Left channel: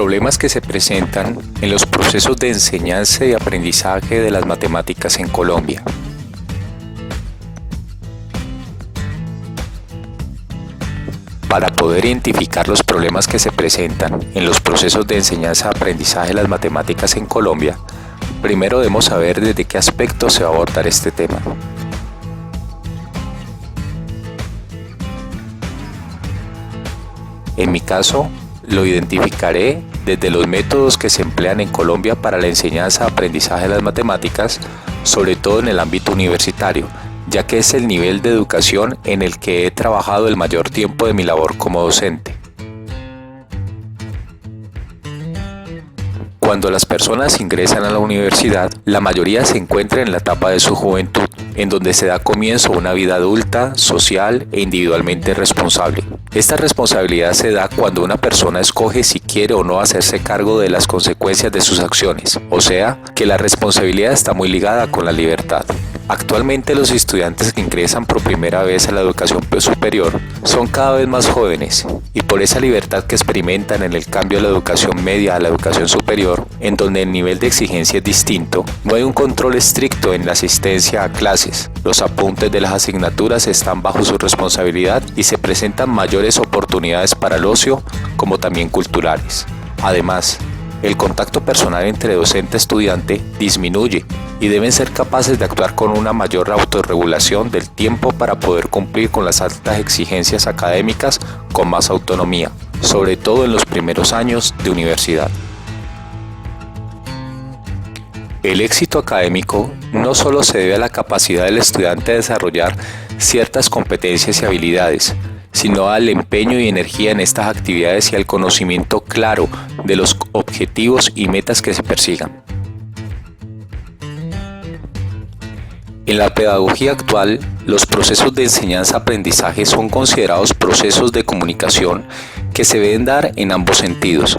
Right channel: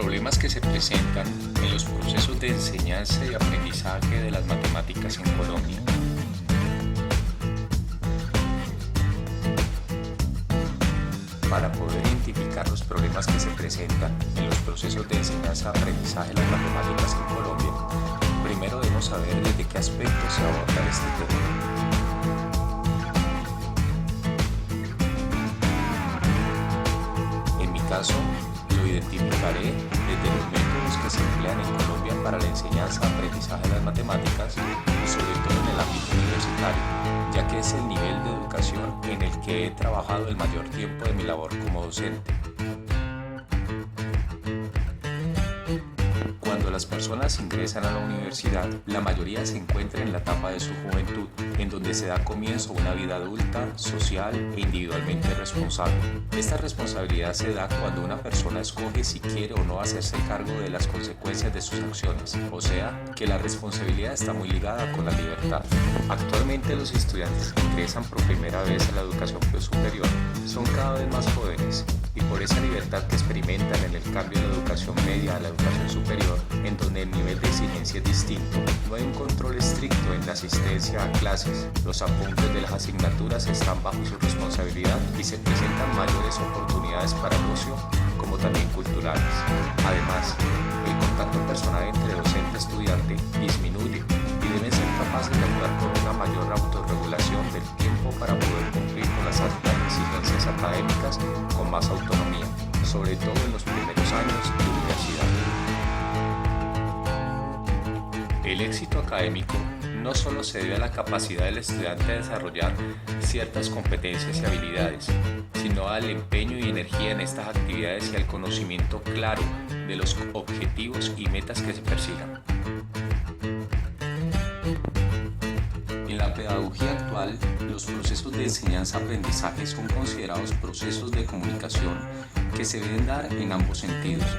Problemas que se presentan en los procesos de enseñanza y aprendizaje de las matemáticas en Colombia. Para poder identificar los problemas que se presentan en los procesos de enseñanza-aprendizaje de las matemáticas en Colombia, primero debemos saber desde qué aspecto se va a abordar este tema. En mi caso, lo identificaré desde los métodos que se emplean en Colombia para la enseñanza-aprendizaje de las matemáticas, sobre todo en el ámbito universitario, ya que es el nivel de educación en el que he trabajado el mayor tiempo de mi labor como docente. Cuando las personas ingresan a la universidad, la mayoría se encuentra en la etapa de su juventud, en donde se da comienzo a una vida adulta, social e individualmente responsable. Esta responsabilidad se da cuando una persona escoge si quiere o no hacerse cargo de las consecuencias de sus acciones, o sea, que la responsabilidad está muy ligada con la libertad. Actualmente los estudiantes que ingresan por primera vez a la educación superior son cada vez más jóvenes y por esa libertad que experimentan en el cambio de la educación media a la educación superior, en donde el nivel de exigencia es distinto, no hay un control estricto en la asistencia a clases, los apuntes de las asignaturas están bajo su responsabilidad y se presentan mayores oportunidades para el ocio como también culturales. Además, el contacto personal entre docente y estudiante disminuye y deben ser capaces de actuar con una mayor autorregulación del tiempo para poder cumplir con las altas exigencias académicas con más autonomía, sobre todo en los primeros años de universidad. El éxito académico no solo se debe a la capacidad del estudiante de desarrollar ciertas competencias y habilidades, sino al empeño y energía en estas actividades y al conocimiento claro de los objetivos y metas que se persigan. En la pedagogía actual, los procesos de enseñanza-aprendizaje son considerados procesos de comunicación que se deben dar en ambos sentidos,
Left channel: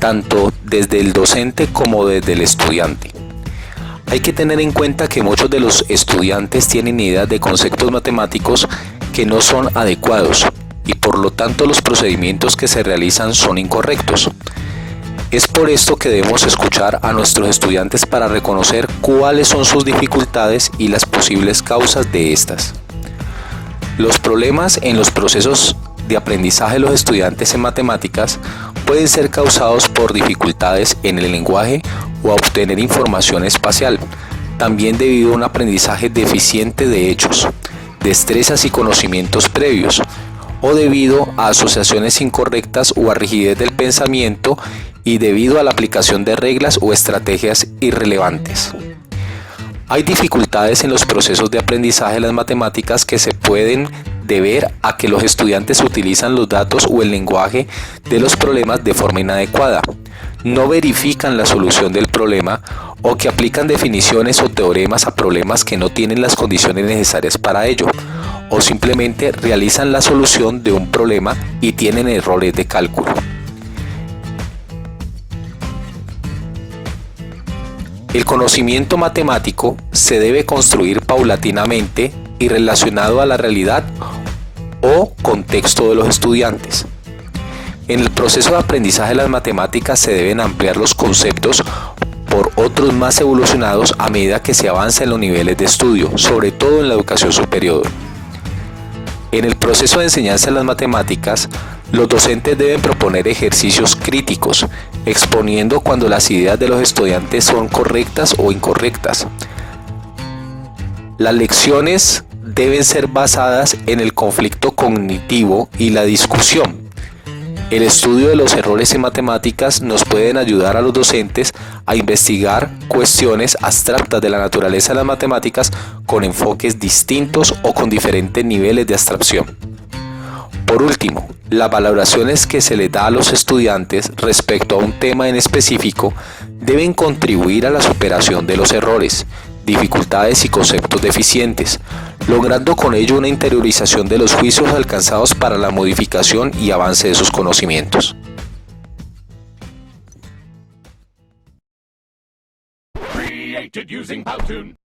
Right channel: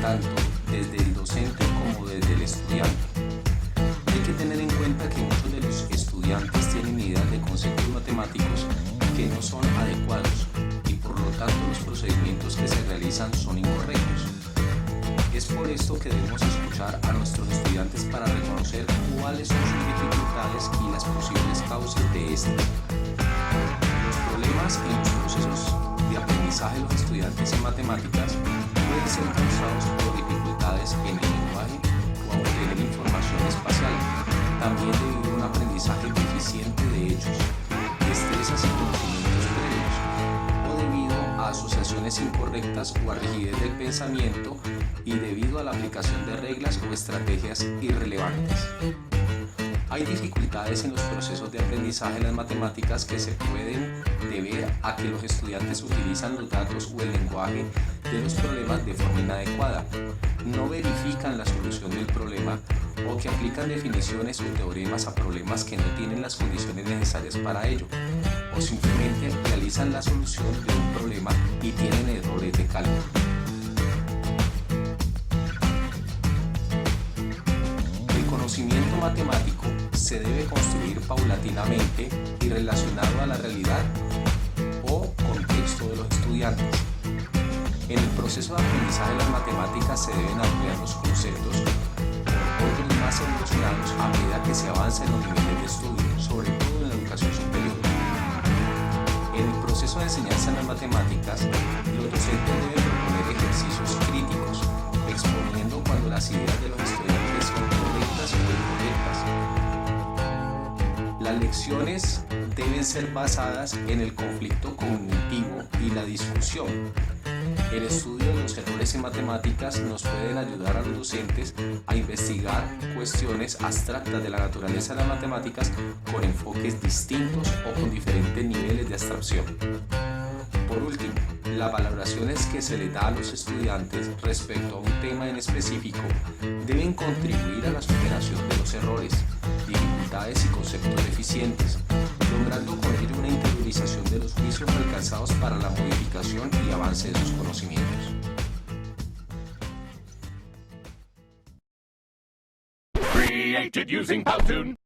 tanto desde el docente como desde el estudiante. Hay que tener en cuenta que muchos de los estudiantes tienen ideas de conceptos matemáticos que no son adecuados y por lo tanto los procedimientos que se realizan son incorrectos. Es por esto que debemos escuchar a nuestros estudiantes para reconocer cuáles son sus dificultades y las posibles causas de estas. Los problemas en los procesos de aprendizaje de los estudiantes en matemáticas pueden ser causados por dificultades en el lenguaje o a obtener información espacial, también debido a un aprendizaje deficiente de hechos, destrezas y conocimientos previos, o debido a asociaciones incorrectas o a rigidez del pensamiento y debido a la aplicación de reglas o estrategias irrelevantes. Hay dificultades en los procesos de aprendizaje de las matemáticas que se pueden deber a que los estudiantes utilizan los datos o el lenguaje de los problemas de forma inadecuada, no verifican la solución del problema o que aplican definiciones o teoremas a problemas que no tienen las condiciones necesarias para ello, o simplemente realizan la solución de un problema y tienen errores de cálculo. El conocimiento matemático se debe construir paulatinamente y relacionado a la realidad o contexto de los estudiantes. En el proceso de aprendizaje de las matemáticas se deben ampliar los conceptos por otros más evolucionados a medida que se avanza en los niveles de estudio, sobre todo en la educación superior. En el proceso de enseñanza de las matemáticas, los docentes deben proponer ejercicios críticos, exponiendo cuando las ideas de los estudiantes son correctas o incorrectas. Las lecciones deben ser basadas en el conflicto cognitivo y la discusión. El estudio de los errores en matemáticas nos pueden ayudar a los docentes a investigar cuestiones abstractas de la naturaleza de las matemáticas con enfoques distintos o con diferentes niveles de abstracción. Por último, las valoraciones que se les da a los estudiantes respecto a un tema en específico deben contribuir a la superación de los errores, dificultades y conceptos deficientes, logrando con ello una interiorización de los juicios alcanzados para la modificación y avance de sus conocimientos. Created using Powtoon.